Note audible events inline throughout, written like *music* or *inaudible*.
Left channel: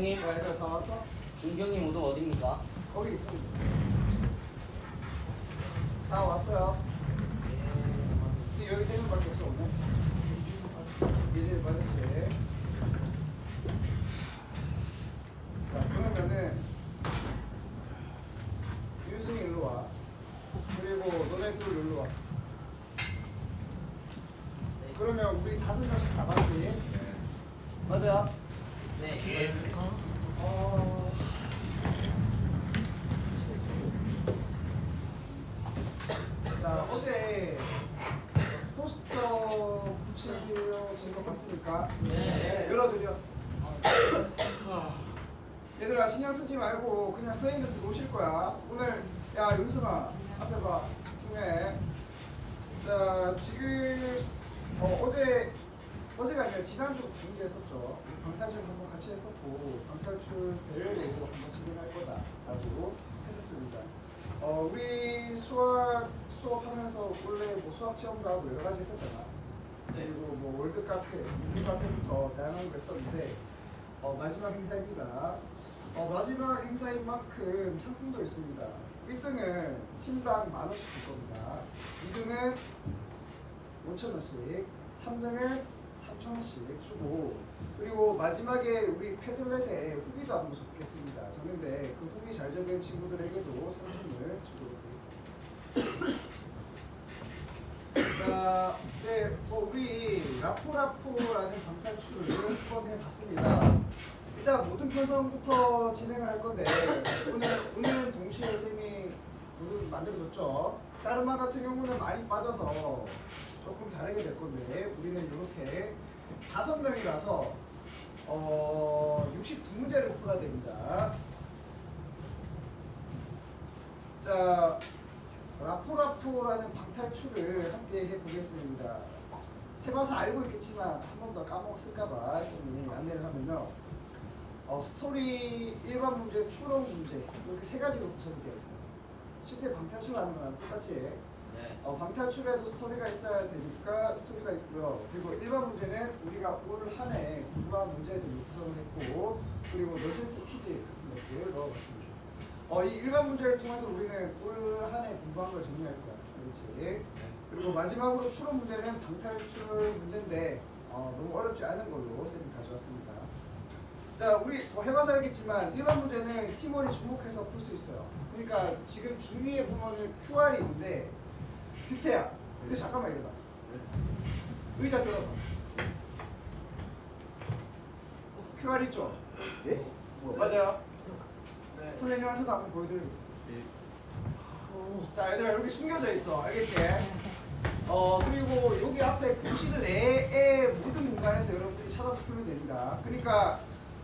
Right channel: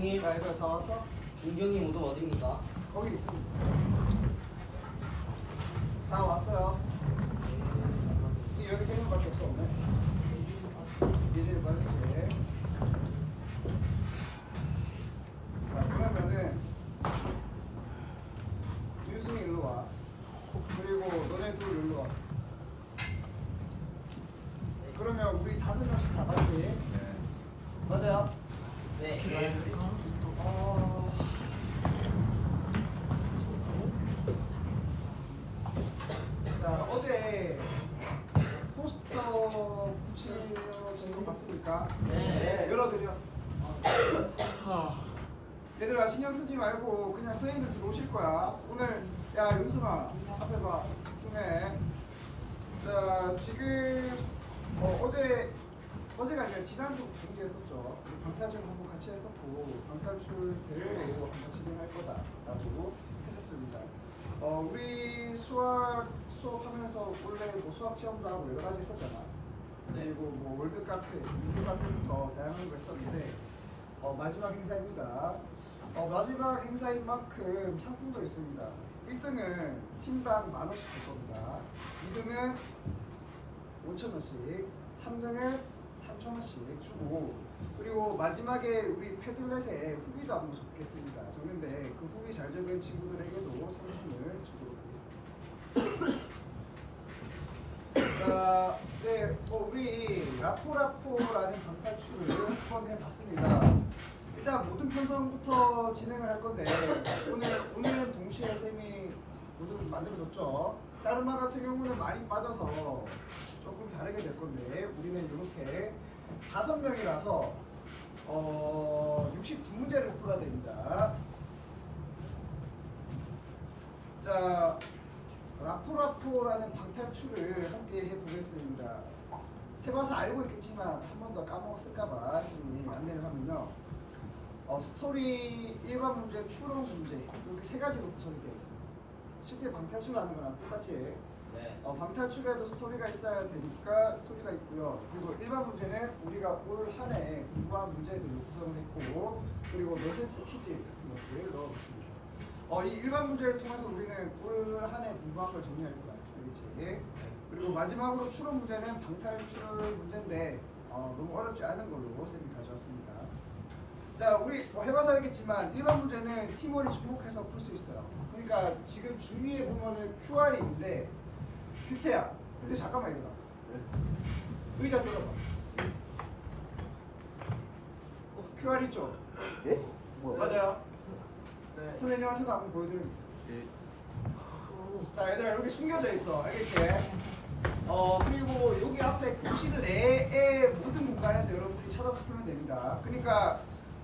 자 얘들아 다 왔어? 윤경이 모두 어디입니까? 거기 있습니다. 다 왔어요. 지금 여기 세 명밖에 없어 없네. 예전에 받았지. 자 그러면은 윤승이 일로 와. 그리고 너네 둘 일로 와. 그러면 우리 다섯 명씩 다 맞지? 맞아요. 네. 어... 자 어제 포스터 붙여진 거 봤습니까? 네. 열어드려. 얘들아 신경 쓰지 말고 그냥 서인들 들어오실 거야. 오늘 야 윤수아 앞에 봐 중에 자 지금 어, 어제 어제가 아니라 지난주 공개했었죠. 방탈출 한번 같이 했었고 방탈출 대회로 한번 진행할 거다라고 했었습니다. 어, 우리 수학 수업하면서 원래 뭐 수학 체험도 하고 여러 가지 했었잖아. 네. 그리고 뭐 월드 카페, 민주 카페부터 다양한 거 했었는데 어, 마지막 행사입니다. 어, 마지막 행사인 만큼 상품도 있습니다. 1등은 팀당 만 원씩 줄 겁니다. 2등은 5천 원씩, 3등은 3천 원씩 주고 그리고 마지막에 우리 패들렛에 후기도 한번 적겠습니다. 적는데 그 후기 잘 적은 친구들에게도 상품을 주도록 하겠습니다. 자, 네, 뭐 우리 라포라포라는 방탈출을 한번 해봤습니다. 일단 모든 편성부터 진행을 할 건데 오늘 오늘은 동시에 쌤이 모두 만들어줬죠. 다른 반 같은 경우는 많이 빠져서 조금 다르게 될 건데 우리는 이렇게 다섯 명이라서 어 69문제를 풀어야 됩니다. 자, 라포라포라는 방탈출을 함께 해보겠습니다. 해봐서 알고 있겠지만 한 번 더 까먹었을까봐 안내를 하면요. 어, 스토리 일반 문제, 추론 문제 이렇게 세 가지로 구성이 되어 있어요. 실제 방탈출하는 거랑 똑같지? 네. 어, 방탈출에도 스토리가 있어야 되니까 스토리가 있고요. 그리고 일반 문제는 우리가 올 한 해 공부한 문제들로 구성을 했고 그리고 너센스 퀴즈 같은 것들 넣어봤습니다. 어, 이 일반 문제를 통해서 우리는 올 한 해 공부한 걸 정리할 거야. 그렇지? 그리고 마지막으로 추론 문제는 방탈출 문제인데 어, 너무 어렵지 않은 걸로 쌤이 가져왔습니다. 자, 우리 뭐 해봐서 알겠지만 일반 문제는 팀원이 주목해서 풀 수 있어요. 그러니까 지금 주위에 보면은 QR이 있는데 규태야. 근데 잠깐만 이러다. 의자 들어봐. QR 있죠? 예? 맞아요. 네. 선생님한테도 한번 보여드립니다. 자, 얘들아 이렇게 숨겨져 있어. 알겠지? 어, 그리고 여기 앞에 교실 내의 모든 공간에서 여러분들이 찾아서 풀면 됩니다. 그러니까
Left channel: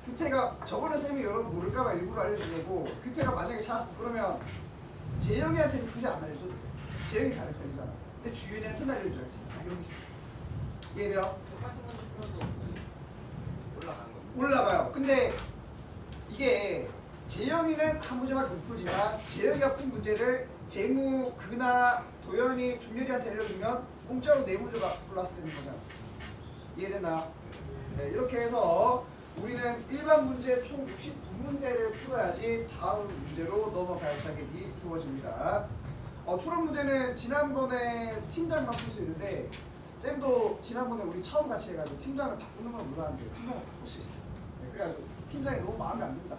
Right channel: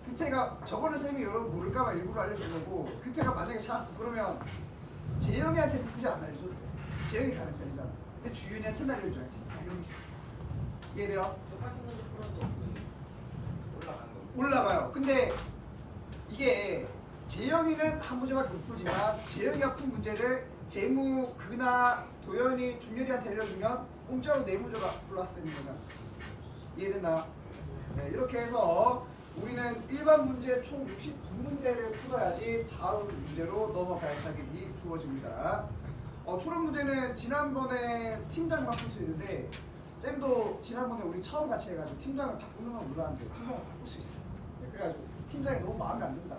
규태가 저번에 쌤이 여러분 모를까봐 일부러 알려주려고 규태가 만약에 찾았어. 그러면 재영이한테는 굳이 안 알려줘 재영이 다른 편이잖아. 근데 주윤이한테는 알려줘야지. 아, 게 있어. 이해돼요? 올라가요. 근데 이게 재영이는 한 문제밖에 못 풀지만 재영이가 푼 문제를 재무, 근하, 도현이, 준열이한테 알려주면 공짜로 네 문제가 되는 거잖아. 이해되나? 네, 이렇게 해서 우리는 일반 문제 총 69문제를 풀어야지 다음 문제로 넘어갈 자격이 주어집니다. 어, 추론 문제는 지난번에 팀장만 풀수 있는데 쌤도 지난번에 우리 처음 같이 해가지고 팀장을 바꾸는 건 몰랐는데 팀장을 바꿀 수 있어요. 네, 그래가지고 팀장이 너무 마음에 안 든다.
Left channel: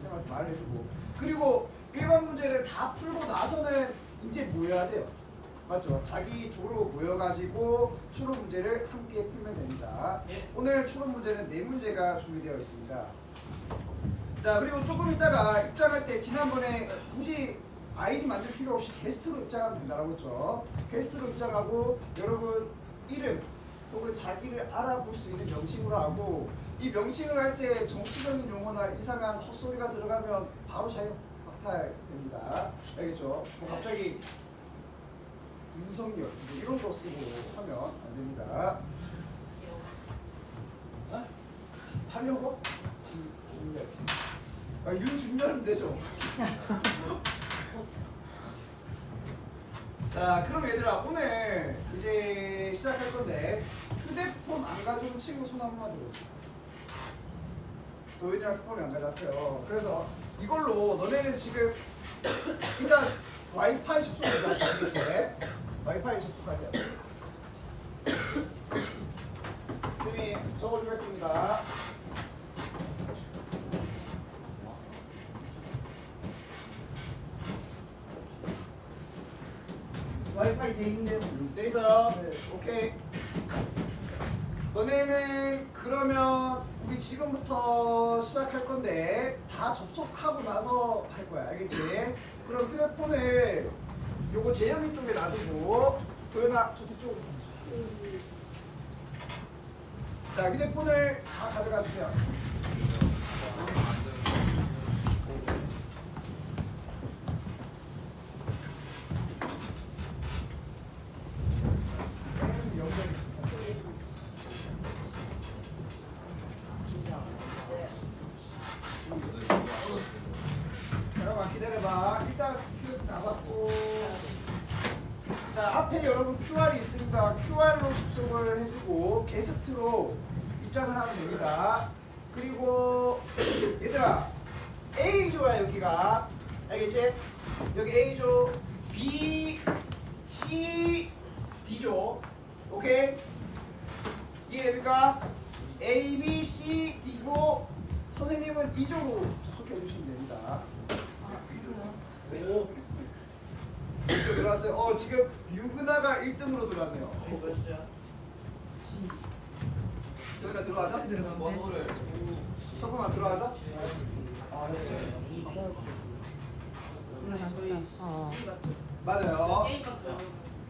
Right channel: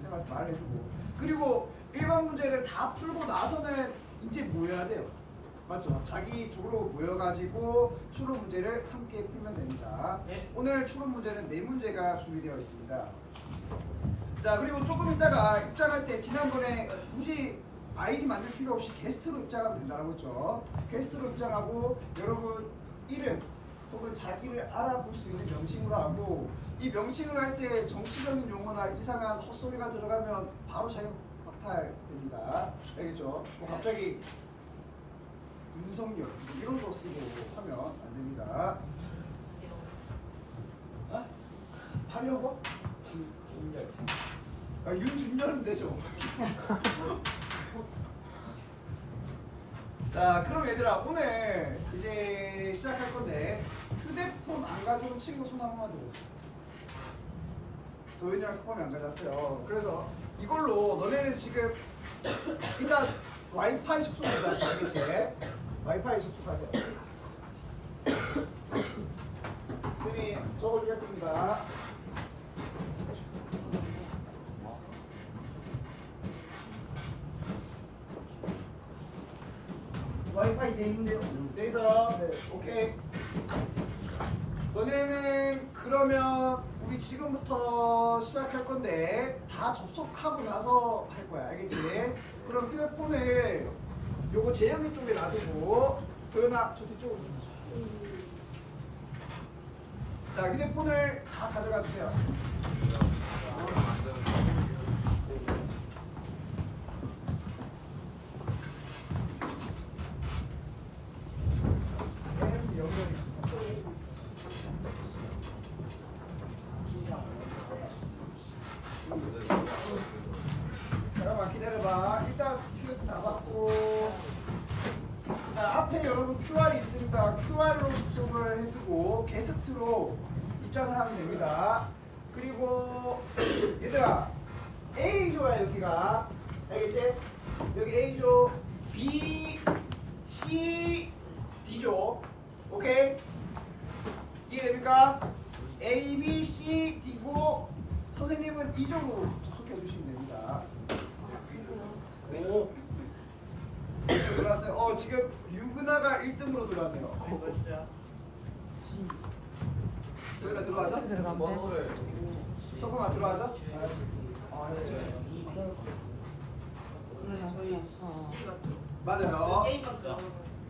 쌤한테 말을 해주고 그리고 일반 문제를 다 풀고 나서는 이제 모여야 돼요. 맞죠? 자기 조로 모여가지고 추론 문제를 함께 풀면 됩니다. 네. 오늘 추론 문제는 네 문제가 준비되어 있습니다. 자 그리고 조금 있다가 입장할 때 지난번에 굳이 아이디 만들 필요 없이 게스트로 입장하면 된다고 했죠. 게스트로 입장하고 여러분 이름 혹은 자기를 알아볼 수 있는 명칭으로 하고 이 명칭을 할 때 정치적인 용어나 이상한 헛소리가 들어가면 바로 자유 박탈됩니다. 알겠죠? 뭐 갑자기 뭐 이런 거 쓰고 하면 안 됩니다. 아? 하려고? 준열. 아, 윤준열은 되죠. 자, 그럼 얘들아 오늘 이제 시작할 건데 휴대폰 안 가져온 친구 손 한 번만 들어줘. 도현이랑 스팸이 안 가져왔어요. 그래서 이걸로 너네는 지금 일단 와이파이 접속하자. 알겠지? 와이파이 접속하자. *coughs* 쌤이 적어주겠습니다. 와이파이 돼 있는데요. 돼 있어요. 네, 오케이. 너네는 그러면 우리 지금부터 시작할 건데 다 접속하고 나서 할 거야. 알겠지? 그럼 휴대폰을 요거 재영이 쪽에 놔두고 도현아 저 뒤쪽으로 좀. 자 휴대폰을 다 가져가 주세요. 쌤 연결이. 잠깐만 기다려봐. 일단 휴대폰 나갔고. 자 앞에 여러분 QR이 있으니까 QR로 접속을 해주고 게스트로 입장을 하면 됩니다. 그리고 *clears throat* 얘들아 A조야 여기가 알겠지? 여기 A조 B, C, D조 오케이? 이해됩니까? A, B, C, D고 선생님은 이쪽으로 접속해 주시면 됩니다. 오. 들어왔어요. 어 지금 유그나가 1등으로 들어왔네요. 들어가죠? 번호를 조금만 들어가죠? 아, 네. 맞아요.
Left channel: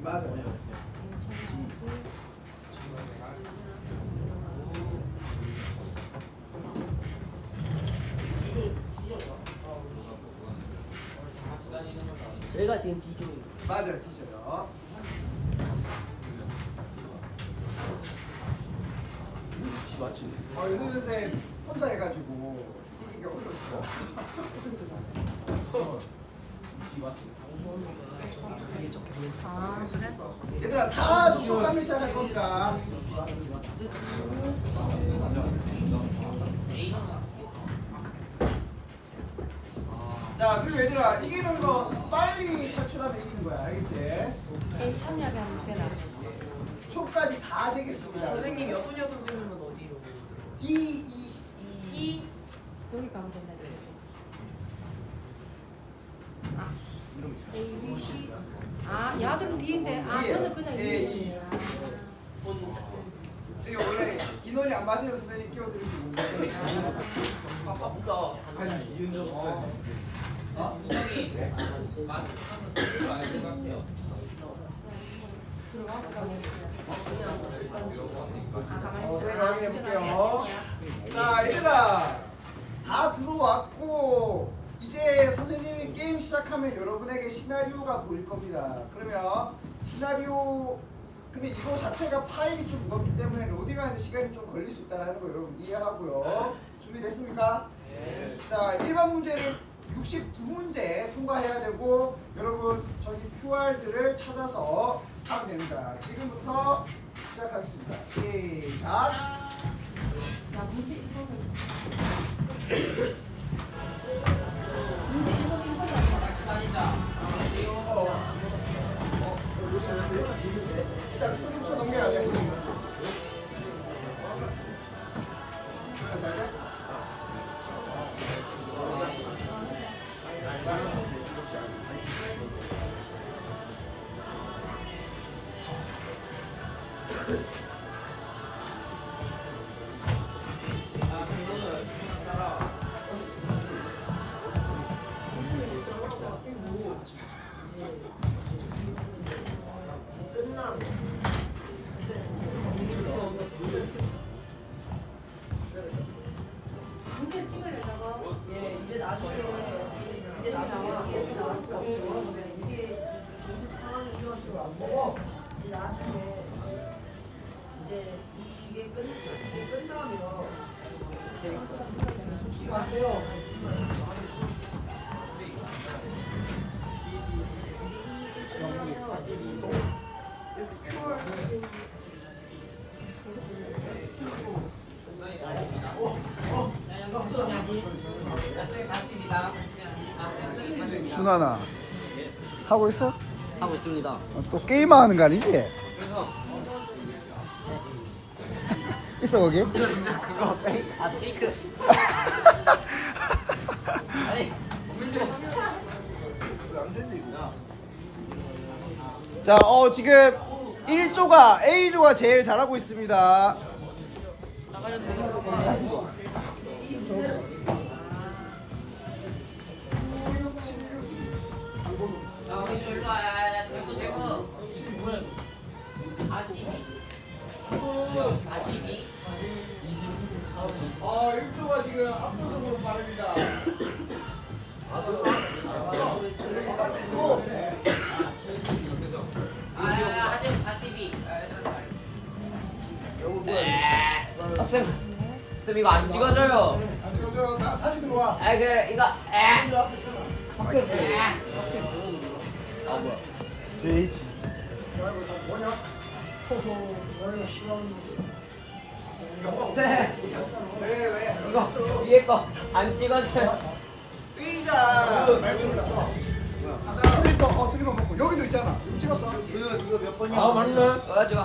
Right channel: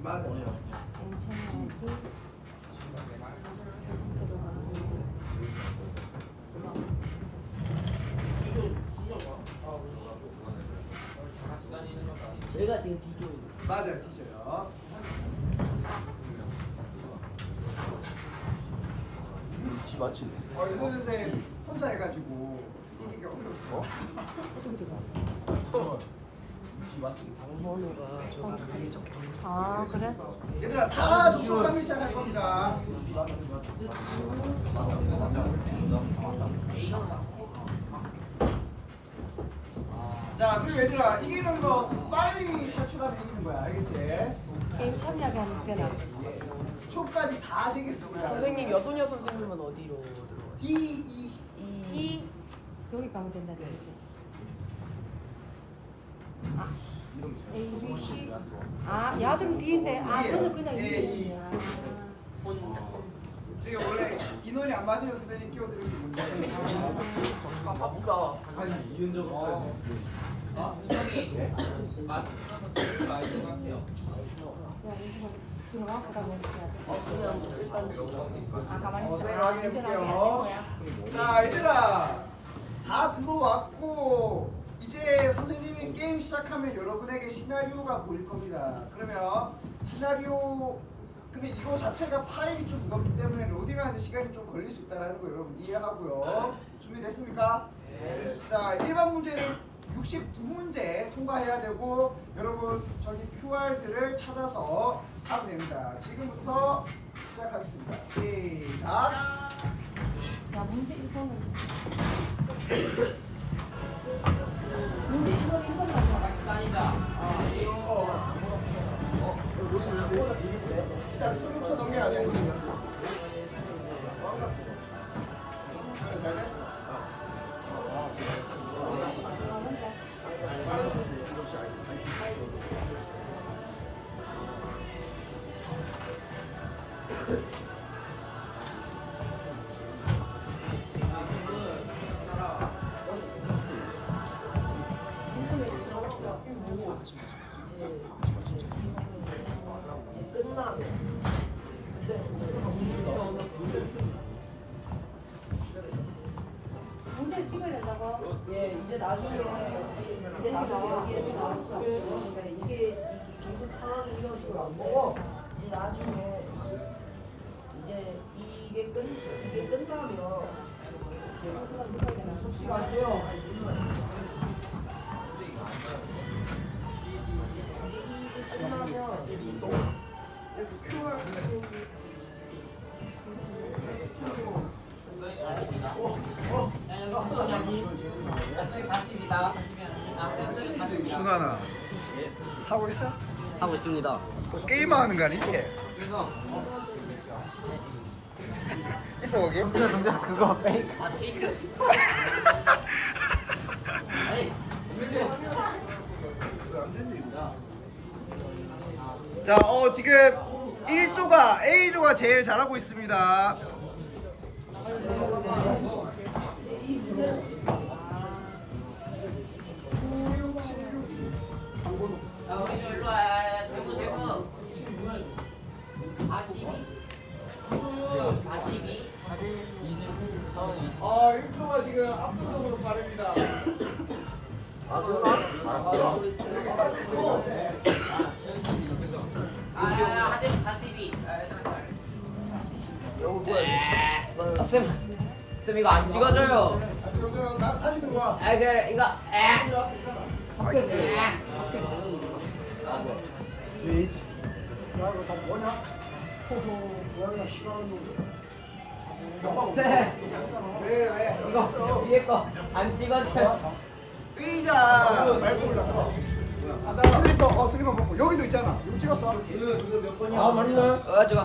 맞아요. 건 아니고 저희가 지금 비교 맞아요, 티셔요. 맞지? 어, 유선 선생 혼자 해가지고 이기기가 어려웠어. 아 그래? 얘들아 다 접속하면 시작할 겁니다. 자 그리고 얘들아 이기는 거 빨리 탈출하면 이기는 거야 알겠지? 게임 참여하면 되나? 초까지 다 재겠습니다. 선생님 여소녀 선생님은 들어가요? 이, 이. 이 여기가 어디냐 되지? A, B, C 아 야등 D인데 아 D예요. 저는 그냥 예, 이. 이 지금 원래 인원이 안 맞으면 선생님 끼워드릴 수 있는데 아 바쁘다 어? 인성이 맞춰서 들을 많이 생각해요 어, 선생님 확인해 볼게요. 자, 얘들아, 다 들어왔고 이제 선생님이 게임 시작하면 여러분에게 시나리오가 보일 겁니다. 그러면 시나리오 근데 이거 자체가 파일이 좀 무겁기 때문에 로딩하는 시간이 좀 걸릴 수 있다는 거 여러분 이해하고요. 준비됐습니까? 네. 자, 1번 문제를 62문제 통과해야 되고 여러분 저기 QR들을 찾아서 하면 됩니다. 지금부터 시작하겠습니다. 시작. 어. 어. 일단 수루부터 넘겨야 돼? 예, 하고 있어? 하고 있습니다. 또 게임만 하는 거 아니지? 있어 거기? 그거 페이크. 아 페이크. 자, 어 지금 1조가 A조가 제일 잘하고 있습니다. 압도적으로 빠릅니다. 아, 하대문 42. 아, 쌤, 쌤 이거 안 찍어줘요. 아, 저, 저, 나, 다시 들어와. 아, 그래 이거. 에. 에. 아 뭐야? H. 쌤, 왜 왜? 이거 위에 거 안 찍어줘요. 의자 말고 올라. 슬리퍼 어 슬리퍼 먹고 여기도 있잖아. 이거 찍었어? 이거 이거 몇 번이야? 아 맞네. 어 좋아.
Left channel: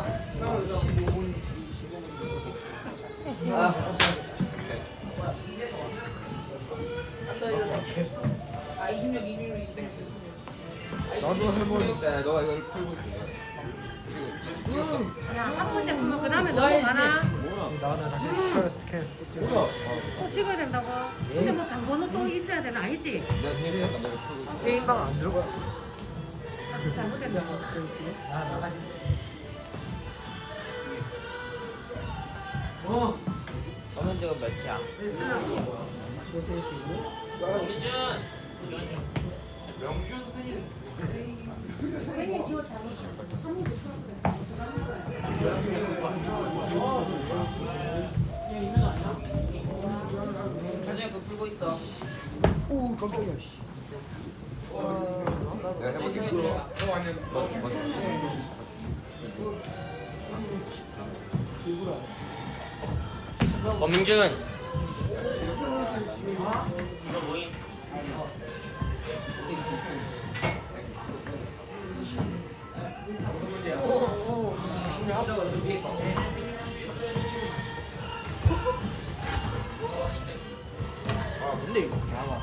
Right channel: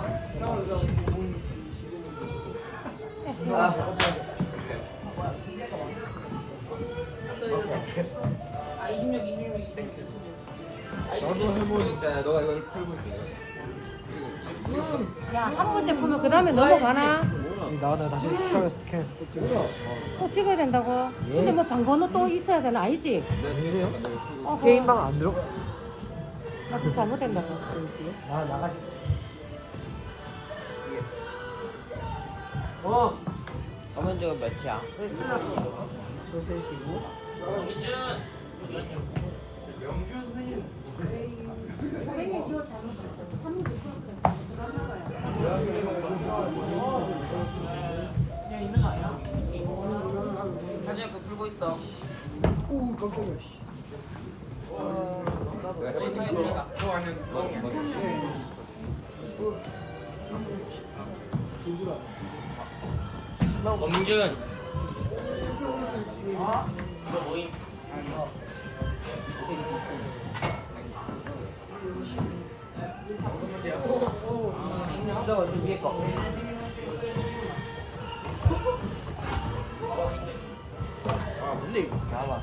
아. 아 26, 26, 26. 나도 해보니. 야, 너가 이걸 풀고 있어. 야, 한 번째 풀면 그 다음에 넘어가나? 나는 다시 스캔. 뭐야? 또 찍어야 된다고? 근데 뭐 방번호 또 있어야 되나? 아니지? 내가 되게 약간 내가 풀고. 어, 게임방 안 들어가? 나또 잘못된다고. 나 나가지. 어. 엄연지가 몇이야? 선생님 기호 잘못 한 문제 사진이 그거 풀 있어. 오 깜짝이야. 씨. 엄준. 이거 모임. 아 뭔데 이거? 나와.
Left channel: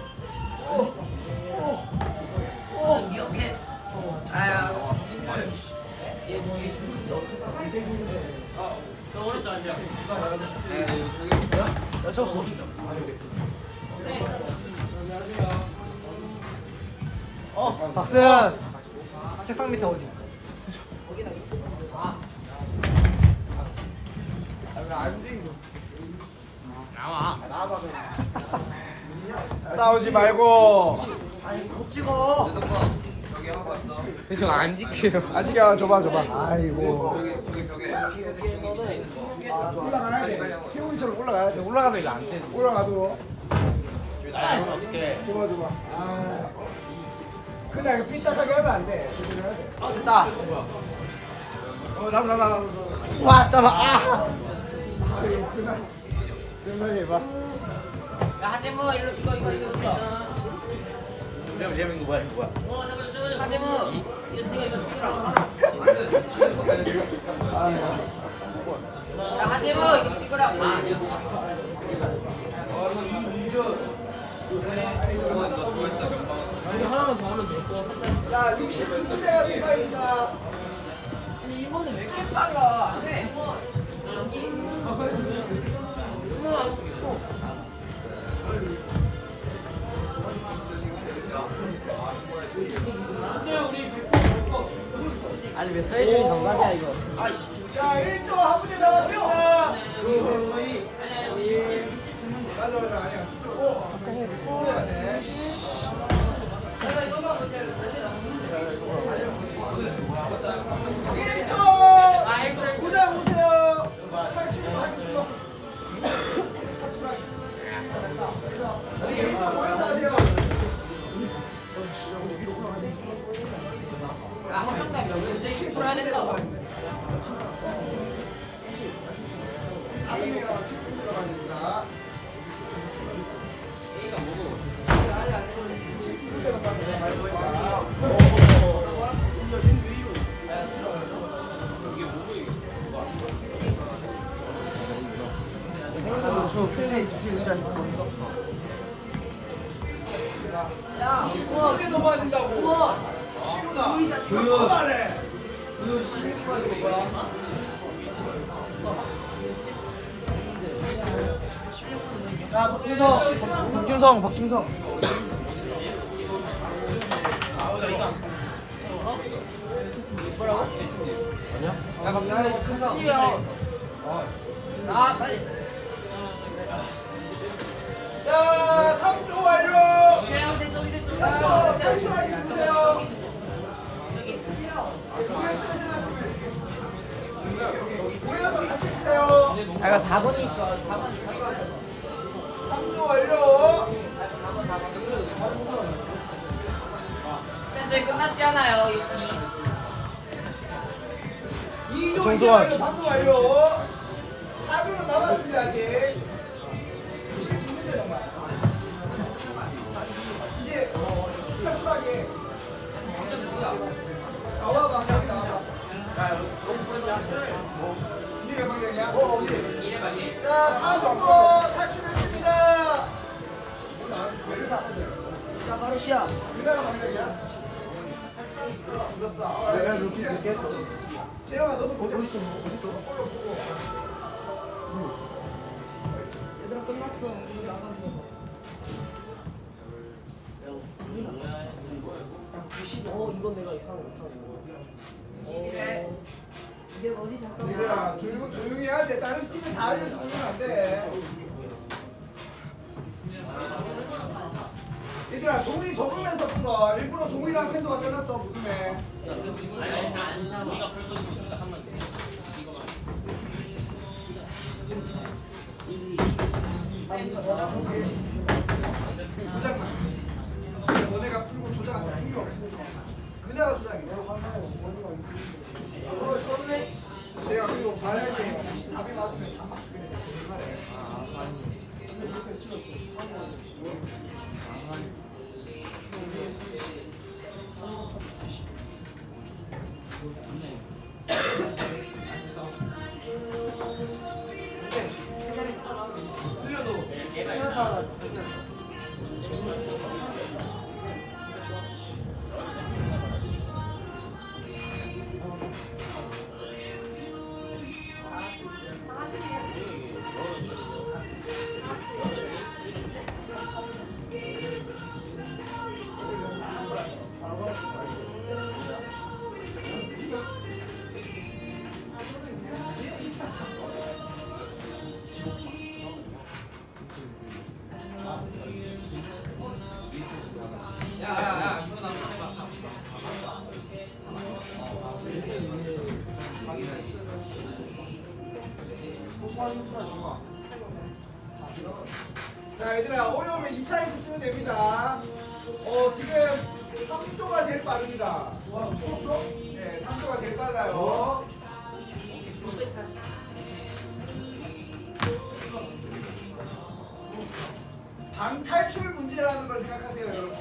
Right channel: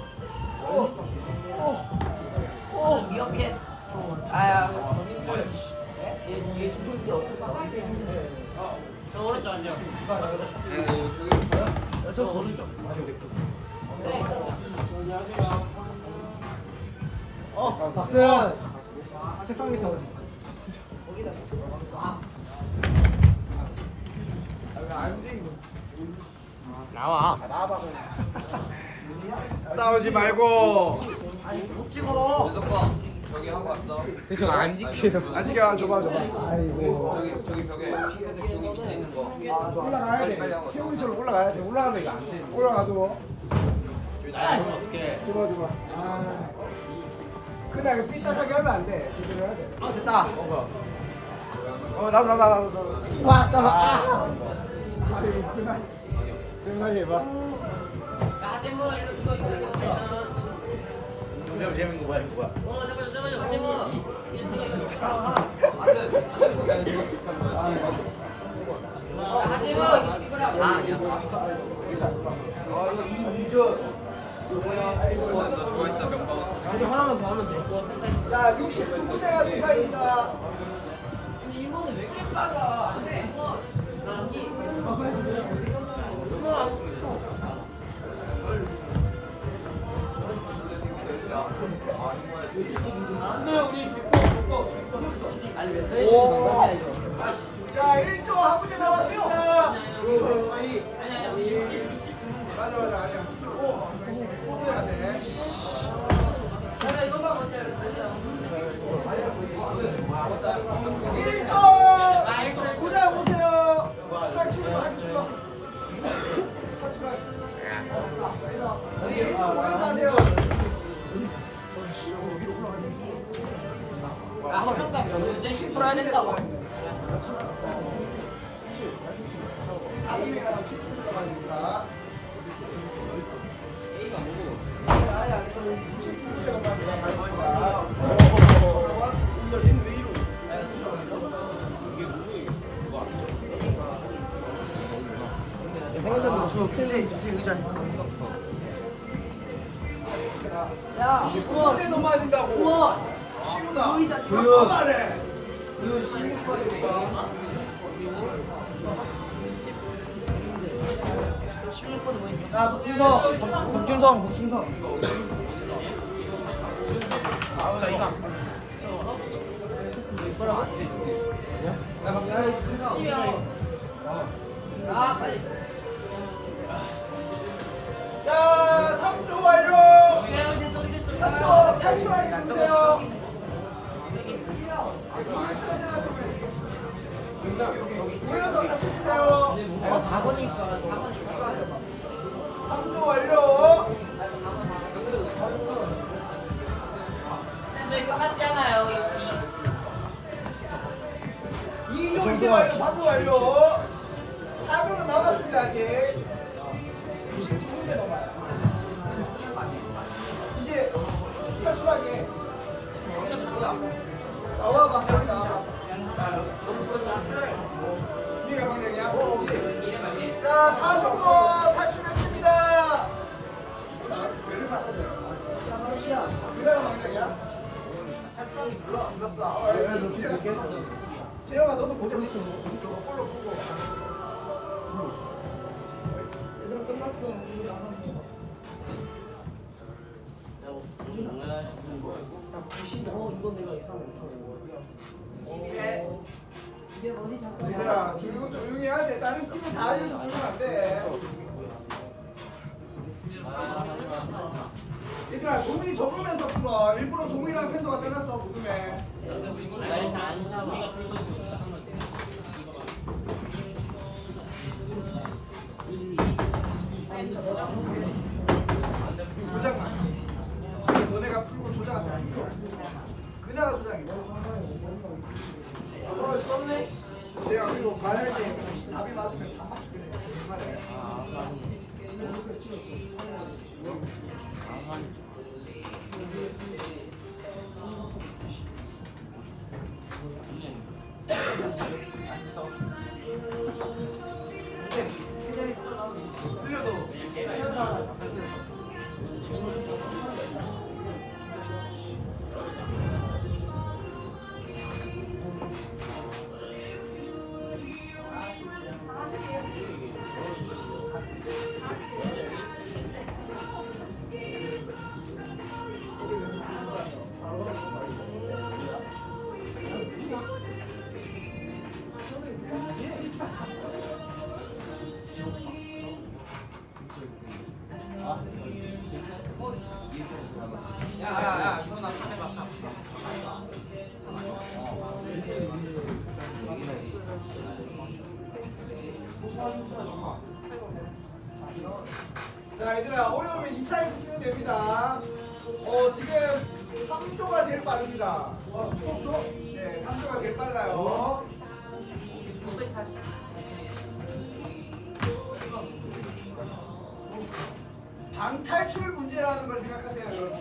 야 저거. 어 박수현. 책상 밑에 어디? 나와. 나와봐 그냥. 싸우지 말고. 아니 못 찍어. 저기 하고 왔어. 대충 안 지켜요. 아직이야 줘봐 줘봐. 아이고. 저기 저기 벽에 흰색 종이 있는 거. 올라가야 돼. 태훈이처럼 올라가야 돼. 올라가면 이거 안 돼. 올라가도. 아 그럼 어떡해. 줘봐 줘봐. 아. 그냥 이거 삐딱하게 하면 안 돼. 제대로 해야 돼. 아 됐다. 어 나도 나도 나도. 나도. 와 잡아. 아. 아이고 그날. 생각해 봐. 야, 일로 이거 이거 이거 이거. 얘는 얘는 이거 뭐야 이거 뭐야? 하대문. 야, 하대문 이거 찍으라. 아 아니야. 너 저거 있어 명방. 하나만 더 하면 될 거. 자 60분째가 디파입니 다. 자 이제 거야. 16분 뭐야? 야, 박준성. 박준성, 박준성. 자, 3조 완료. 3조 탈출하게 해주세요. 모여서 같이 주세요. 내가 4분이 3조 완료. 이제 끝났지 않아요 2조 정소환. 완료, 3조 완료. 4분은 남았습니다, 아직. 92문제 넘어요. 이제 탈출하게. 나와봐, 여기 나와봐. 이래 방향이야? 자, 4조도 탈출했습니다. 자, 바로 시작. 미라가 방향이야? 재영아, 너도 보자. 어디 있어? 얘들아 끝났어. 우리 나가는 거. 어 이거 내가 예상 못하고. 어, 이게 어디 잠깐. 얘들아, 그리고 조용히 해야 돼. 다른 팀에 다 알려주고 그러면 안 돼. 얘들아, 종이 적으면서 풀어. 일부러 종이랑 펜도가 빼놨어, 무덤에. 조작만. 너네가 풀고 조작은 필요 없어. 그나가 조작이야. 어, 썼네. 제가 그리고 말할 때 답이 맞으면 Thank you. 자, 얘들아, 어려우면 2차 힌트 쓰면 됩니다. 어, 지금 3조가 제일 빠릅니다. 3조? 네, 3조가 제일 빨라요. 방탈출 문제라는 걸 생각하세요, 여러분.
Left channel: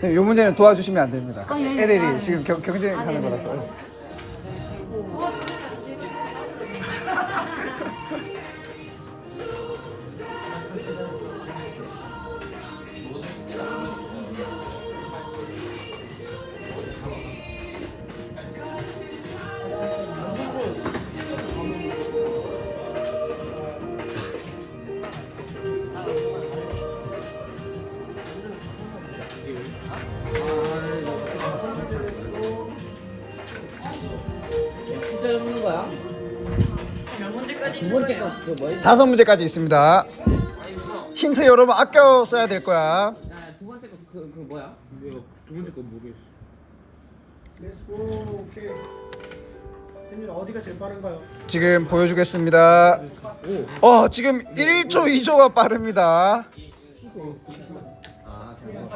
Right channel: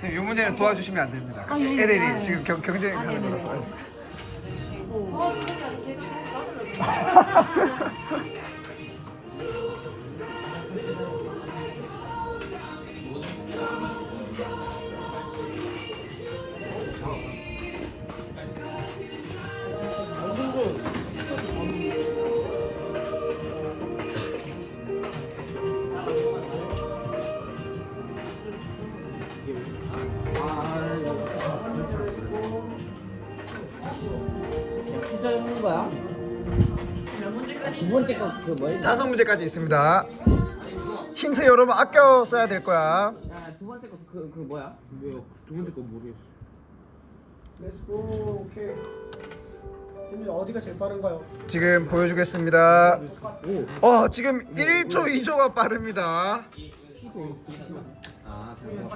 선생님, 이 문제는 도와주시면 안 됩니다. 애들이 지금 경, 경쟁하는 거라서. 진 *laughs* 거야? 두 번째 거그 뭐야? 다섯 문제까지 있습니다. 힌트 여러분 아껴 써야 될 거야. 야 두 번째 거그 그 뭐야? 두 번째 건 모르겠어 렛츠고 오케이. 선생님 어디가 제일 빠른가요? 지금 보여주겠습니다. 어 지금 1초 2초가 빠릅니다. 아 잠깐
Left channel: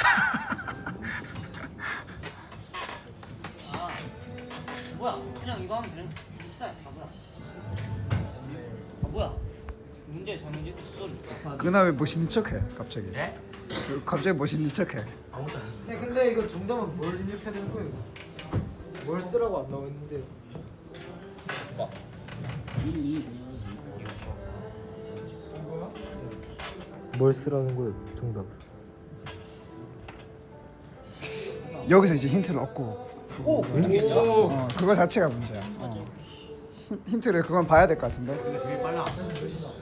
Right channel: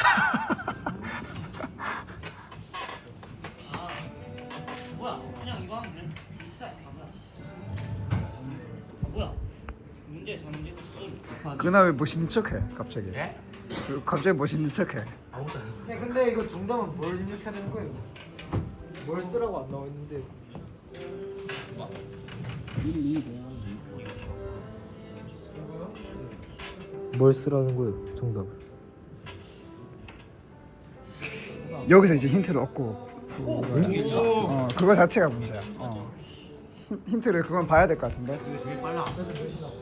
*laughs* 그나 왜 멋있는 척해 갑자기? 예? 그 갑자기 멋있는 척해. 아무것도 안 했는데. 네, 근데 이거 정답은 뭘 입력해야 되는 거예요? 뭘 쓰라고 안 나와 있는데. 뭘 쓰라는 거예요? 정답. 여기서 이제 힌트를 얻고 거야. 어 그거 자체가 문제야. 어. 힌- 힌트를 그건 봐야 될 것 같은데. 제일 빨라.